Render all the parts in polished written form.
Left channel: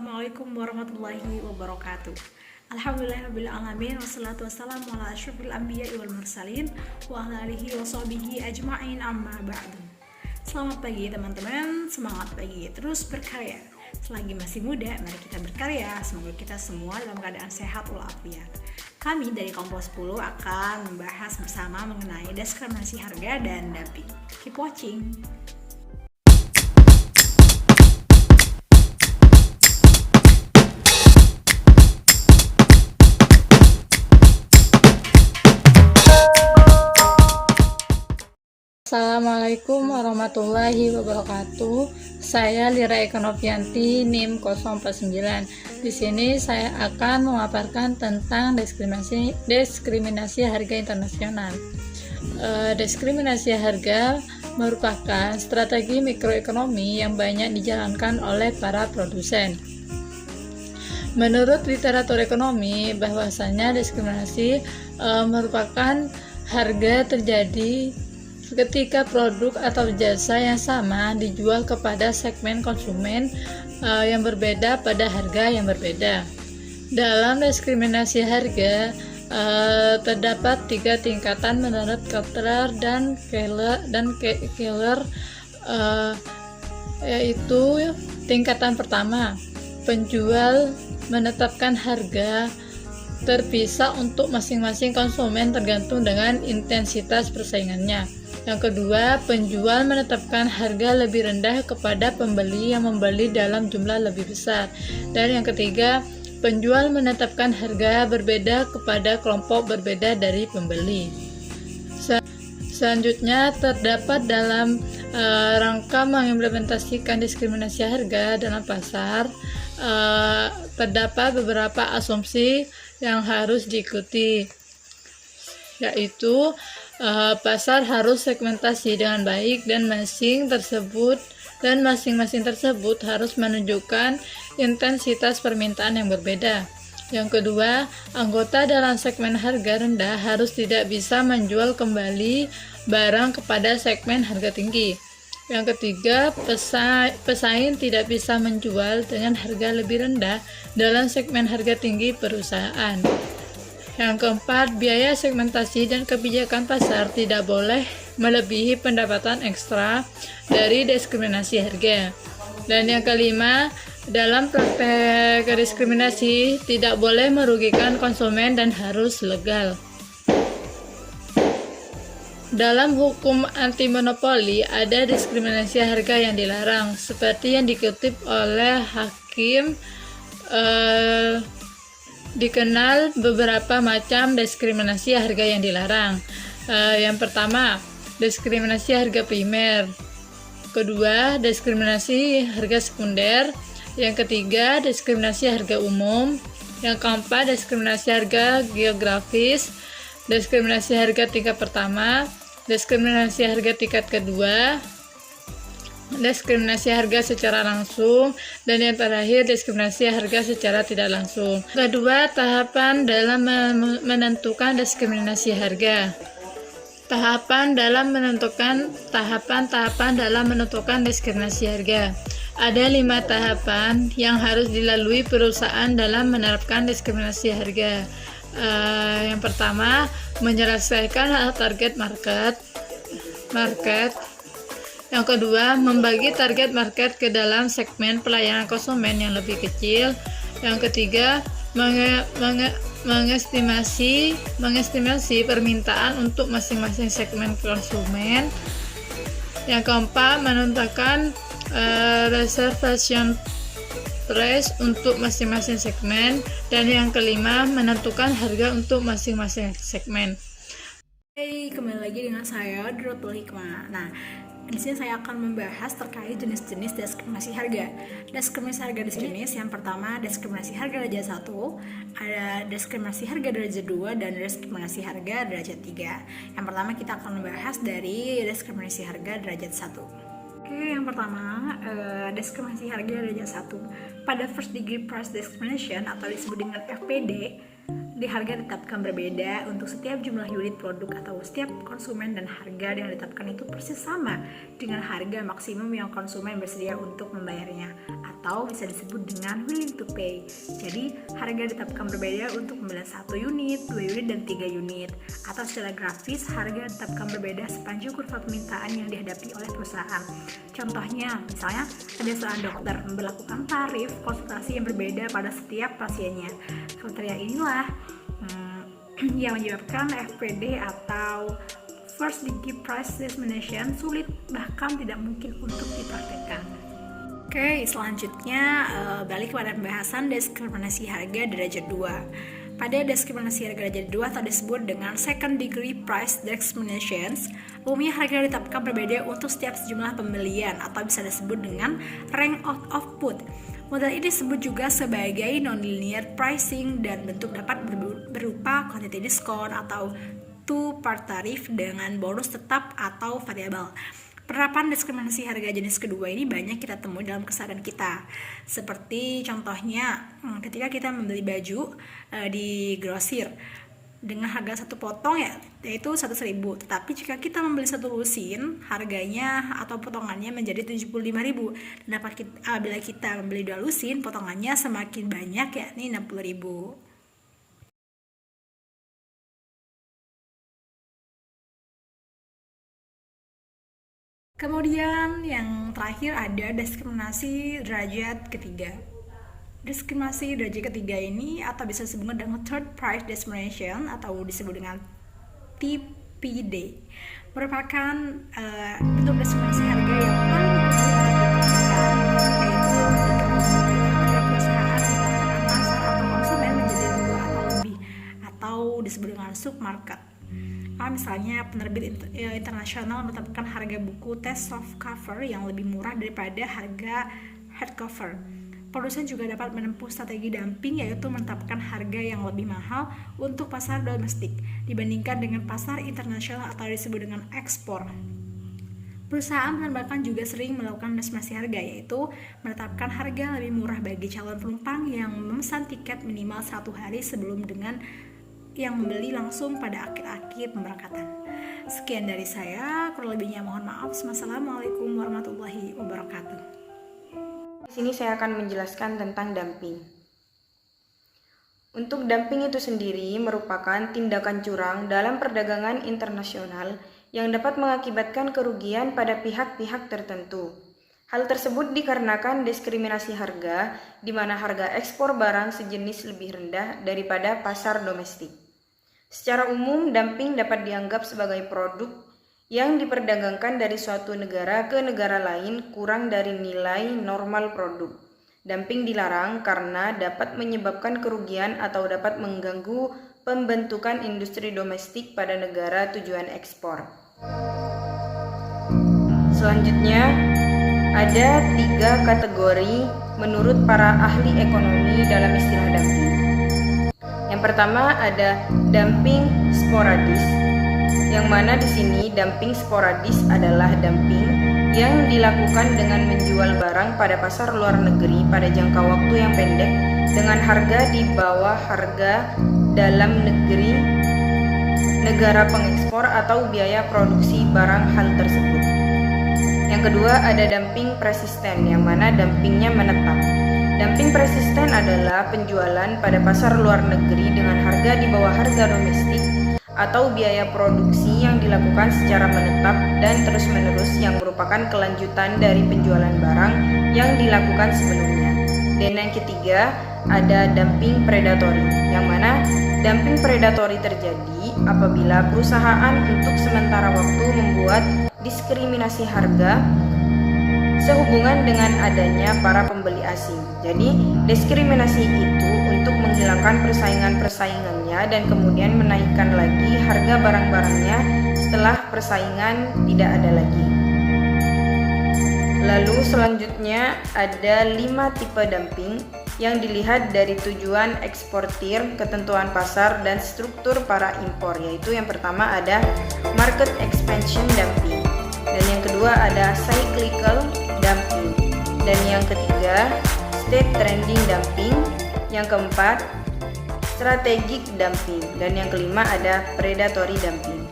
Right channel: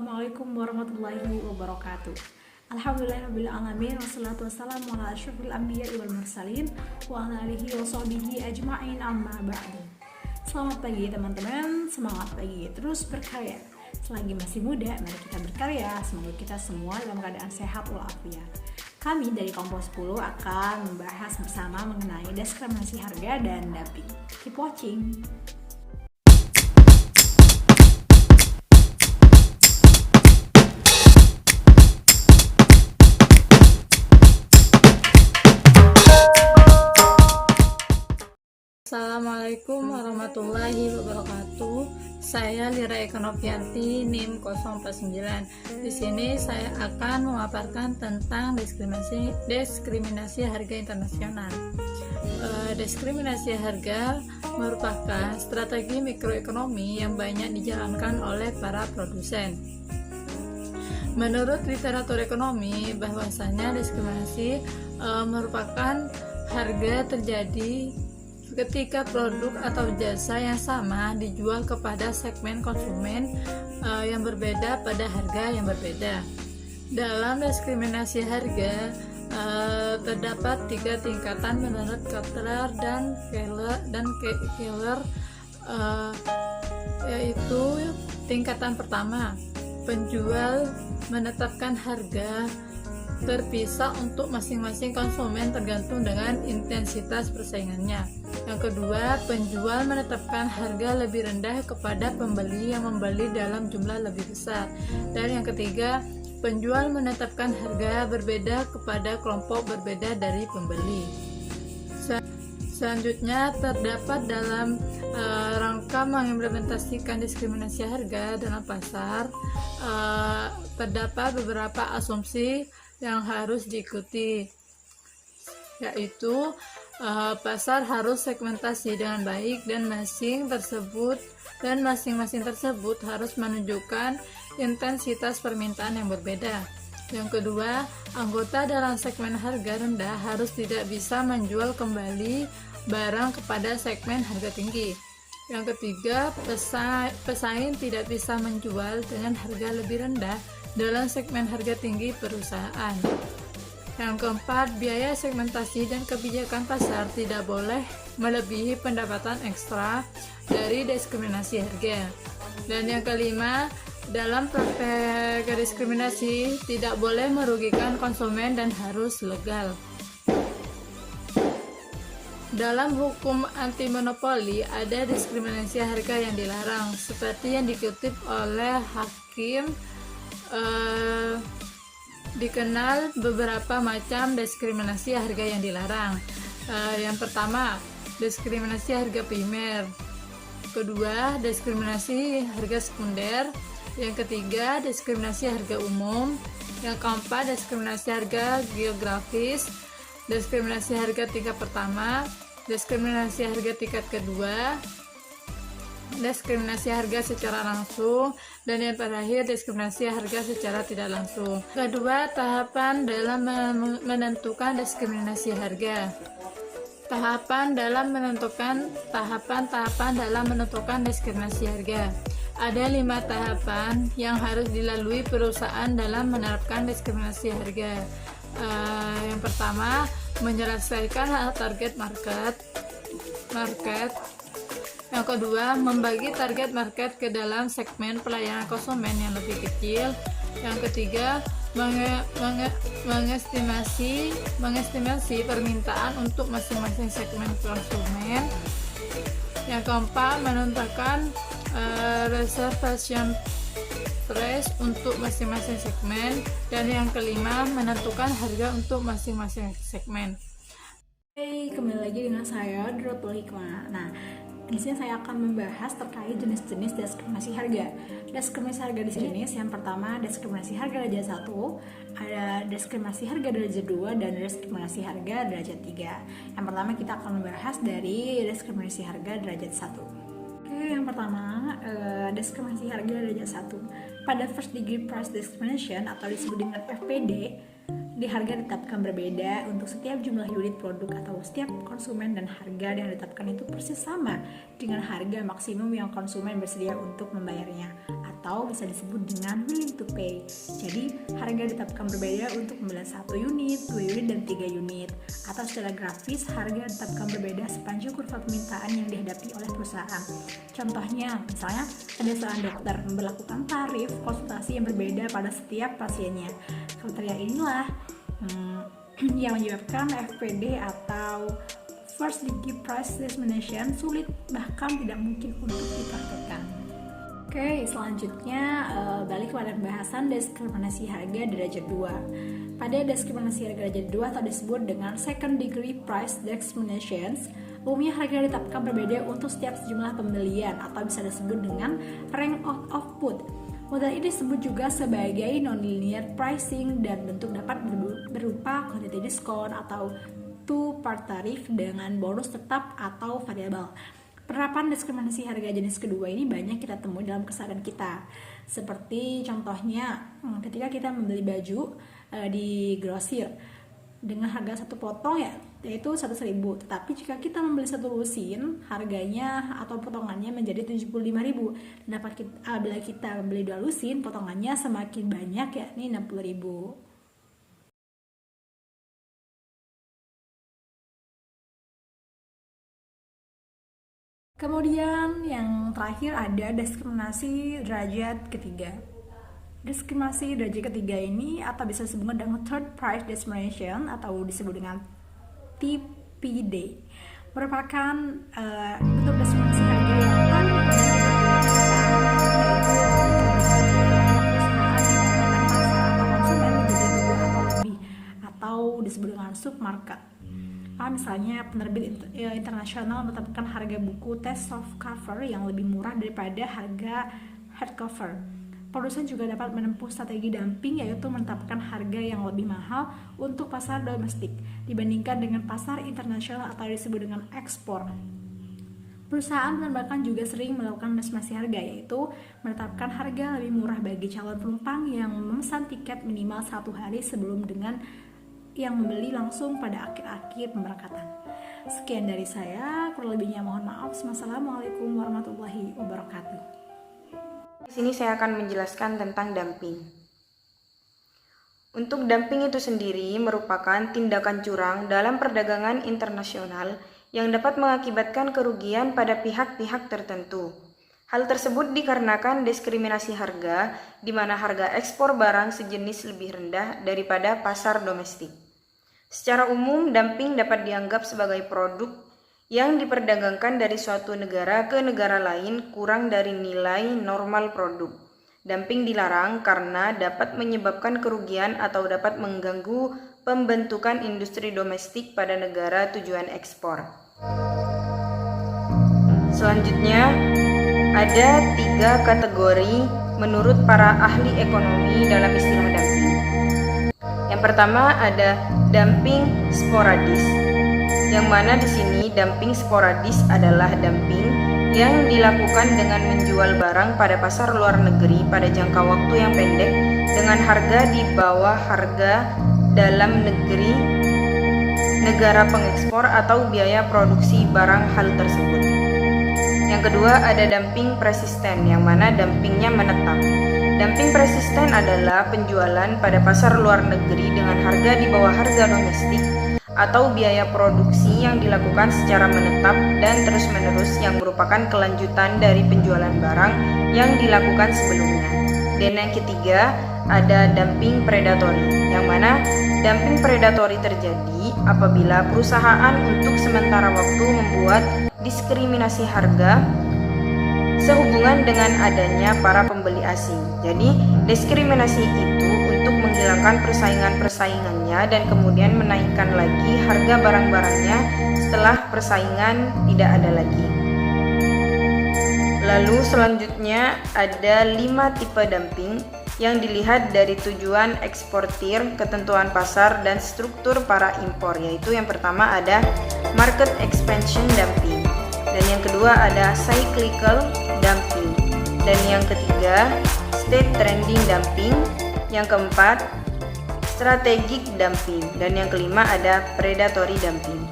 Assalamualaikum warahmatullahi wabarakatuh. Alhamdulillahirrahmanirrahim. Wassalatu wassalamu ala asyrafil anbiya'i wal mursalin wa ala alihi wa sahbihi ajma'in amma ba'du. Selamat pagi teman-teman, semangat pagi, terus berkarya. Selagi masih muda, mari kita berkarya. Semoga kita semua dalam keadaan sehat walafiat. Kami dari Kompos 10 akan membahas bersama mengenai diskriminasi harga dan dumping. Keep watching. Assalamualaikum warahmatullahi wabarakatuh. Saya Lira Eka Novianti, NIM 049. Di sini saya akan memaparkan tentang diskriminasi harga internasional. Diskriminasi harga merupakan strategi mikroekonomi yang banyak dijalankan oleh para produsen. Menurut literatur ekonomi, bahwasanya diskriminasi merupakan harga terjadi ketika produk atau jasa yang sama dijual kepada segmen konsumen yang berbeda pada harga yang berbeda. Dalam diskriminasi harga terdapat 3 tingkatan menurut Kotler dan Keller, yaitu tingkatan pertama, penjual menetapkan harga terpisah untuk masing-masing konsumen tergantung dengan intensitas persaingannya. Yang kedua, penjual menetapkan harga lebih rendah kepada pembeli yang membeli dalam jumlah lebih besar. Dan yang ketiga, penjual menetapkan harga berbeda kepada kelompok berbeda dari pembeli. Selanjutnya, terdapat dalam rangka mengimplementasikan diskriminasi harga dalam pasar, terdapat beberapa asumsi yang harus diikuti, yaitu pasar harus segmentasi dengan baik dan masing-masing tersebut harus menunjukkan intensitas permintaan yang berbeda. Yang kedua, anggota dalam segmen harga rendah harus tidak bisa menjual kembali barang kepada segmen harga tinggi. Yang ketiga, pesaing tidak bisa menjual dengan harga lebih rendah dalam segmen harga tinggi perusahaan. Yang keempat, biaya segmentasi dan kebijakan pasar tidak boleh melebihi pendapatan ekstra dari diskriminasi harga. Dan yang kelima, dalam praktek diskriminasi tidak boleh merugikan konsumen dan harus legal. Dalam hukum anti monopoli ada diskriminasi harga yang dilarang, seperti yang dikutip oleh Hakim. Dikenal beberapa macam diskriminasi harga yang dilarang. Yang pertama, diskriminasi harga primer. Kedua, diskriminasi harga sekunder. Yang ketiga, diskriminasi harga umum. Yang keempat, diskriminasi harga geografis. Diskriminasi harga tingkat pertama. Diskriminasi harga tingkat kedua. Diskriminasi harga secara langsung, dan yang terakhir diskriminasi harga secara tidak langsung. Kedua, tahapan dalam menentukan diskriminasi harga. Tahapan dalam menentukan diskriminasi harga. Ada 5 tahapan yang harus dilalui perusahaan dalam menerapkan diskriminasi harga. Yang pertama, menyelesaikan target market. Yang kedua, membagi target market ke dalam segmen pelayanan konsumen yang lebih kecil. Yang ketiga, mengestimasi permintaan untuk masing-masing segmen konsumen. Yang keempat, menentukan reservation price untuk masing-masing segmen. Dan yang kelima, menentukan harga untuk masing-masing segmen. Hey, kembali lagi dengan saya Drotul Hikmah. Nah, di sini saya akan membahas terkait jenis-jenis diskriminasi harga. Diskriminasi harga di sini, yang pertama diskriminasi harga derajat 1, ada diskriminasi harga derajat 2, dan diskriminasi harga derajat 3. Yang pertama kita akan membahas dari diskriminasi harga derajat 1. Oke, yang pertama diskriminasi harga derajat 1. Pada first degree price discrimination atau disebut dengan FPD, di harga ditetapkan berbeda untuk setiap jumlah unit produk atau setiap konsumen, dan harga yang ditetapkan itu persis sama dengan harga maksimum yang konsumen bersedia untuk membayarnya, atau bisa disebut dengan willing to pay. Jadi harga ditetapkan berbeda untuk pembelian 1 unit, 2 unit, dan 3 unit. Atau secara grafis, harga ditetapkan berbeda sepanjang kurva permintaan yang dihadapi oleh perusahaan. Contohnya, misalnya ada seorang dokter memberlakukan tarif konsultasi yang berbeda pada setiap pasiennya. Kriteria inilah yang menyebabkan FPD atau First Degree Price Discrimination sulit bahkan tidak mungkin untuk dipraktekkan. Oke, selanjutnya balik kepada pembahasan diskriminasi harga derajat 2. Pada diskriminasi harga derajat 2 atau disebut dengan Second Degree Price Discrimination, umumnya harga ditetapkan berbeda untuk setiap sejumlah pembelian atau bisa disebut dengan rank of output. Model ini disebut juga sebagai non-linear pricing dan bentuk dapat berupa quantity discount atau two-part tarif dengan bonus tetap atau variabel. Penerapan diskriminasi harga jenis kedua ini banyak kita temui dalam keseharian kita. Seperti contohnya ketika kita membeli baju di grosir dengan harga satu potong yaitu 100.000, tetapi jika kita membeli satu lusin harganya atau potongannya menjadi 75.000, dan bila kita membeli 2 lusin potongannya semakin banyak yakni 60.000. Kemudian yang terakhir ada diskriminasi derajat ketiga. Diskriminasi derajat ketiga ini atau bisa disebut dengan third price discrimination atau disebut dengan TPD, merupakan bentuk diskriminasi harga yang paling umum ditemukan, yaitu ketika perusahaan menggunakan pasar atau konsumen menjadi 2 atau lebih, atau disebut dengan submarket. Misalnya penerbit internasional menetapkan harga buku test soft cover yang lebih murah daripada harga hardcover. Produsen juga dapat menempuh strategi dumping, yaitu menetapkan harga yang lebih mahal untuk pasar domestik dibandingkan dengan pasar internasional atau disebut dengan ekspor. Perusahaan penerbangan juga sering melakukan diskriminasi harga, yaitu menetapkan harga lebih murah bagi calon penumpang yang memesan tiket minimal 1 hari sebelum dengan yang membeli langsung pada akhir-akhir pemberangkatan. Sekian dari saya, kurang lebihnya mohon maaf. Wassalamualaikum warahmatullahi wabarakatuh. Di sini saya akan menjelaskan tentang dumping. Untuk dumping itu sendiri merupakan tindakan curang dalam perdagangan internasional yang dapat mengakibatkan kerugian pada pihak-pihak tertentu. Hal tersebut dikarenakan diskriminasi harga, di mana harga ekspor barang sejenis lebih rendah daripada pasar domestik. Secara umum, dumping dapat dianggap sebagai produk yang diperdagangkan dari suatu negara ke negara lain kurang dari nilai normal produk. Dumping dilarang karena dapat menyebabkan kerugian atau dapat mengganggu pembentukan industri domestik pada negara tujuan ekspor. Selanjutnya, ada 3 kategori menurut para ahli ekonomi dalam istilah dumping. Yang pertama ada dumping sporadis, yang mana di sini dumping sporadis adalah dumping yang dilakukan dengan menjual barang pada pasar luar negeri pada jangka waktu yang pendek dengan harga di bawah harga dalam negeri negara pengekspor atau biaya produksi barang hal tersebut. Yang kedua ada dumping persisten, yang mana dumpingnya menetap. Dumping persisten adalah penjualan pada pasar luar negeri dengan harga di bawah harga domestik atau biaya produksi yang dilakukan secara menetap dan terus-menerus yang merupakan kelanjutan dari penjualan barang yang dilakukan sebelumnya. Dan yang ketiga ada dumping predatory, yang mana dumping predatory terjadi apabila perusahaan untuk sementara waktu membuat diskriminasi harga sehubungan dengan adanya para pembeli asing. Jadi, diskriminasi itu untuk menghilangkan persaingan-persaingannya dan kemudian menaikkan lagi harga barang-barangnya setelah persaingan tidak ada lagi. Lalu selanjutnya ada 5 tipe dumping yang dilihat dari tujuan eksportir, ketentuan pasar, dan struktur para impor, yaitu yang pertama ada market expansion dumping, dan yang kedua ada cyclical dumping, dan yang ketiga state trending dumping, yang keempat strategic dumping, dan yang kelima ada predatory dumping.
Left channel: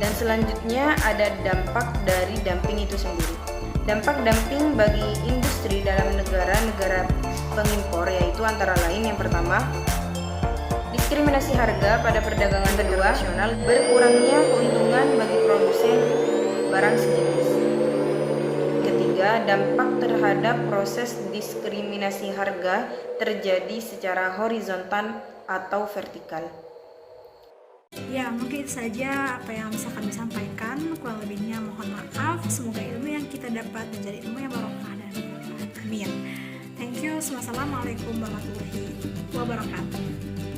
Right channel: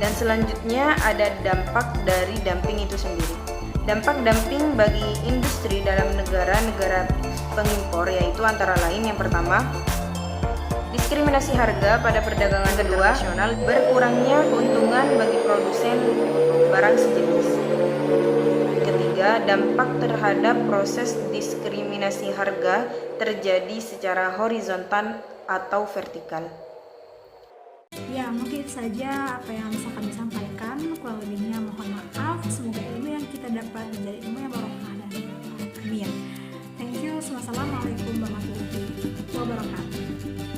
Dan selanjutnya ada dampak dari dumping itu sendiri. Dampak dumping bagi industri dalam negara-negara pengimpor yaitu antara lain yang pertama, diskriminasi harga pada perdagangan internasional, berkurangnya keuntungan bagi produsen barang sejenis. Ketiga, dampak terhadap proses diskriminasi harga terjadi secara horizontal atau vertikal. Ya, mungkin saja apa yang bisa kami sampaikan. Kurang lebihnya mohon maaf. Semoga ilmu yang kita dapat menjadi ilmu yang barokah dan bermanfaat. Amin. Thank you. Wassalamualaikum warahmatullahi wabarakatuh.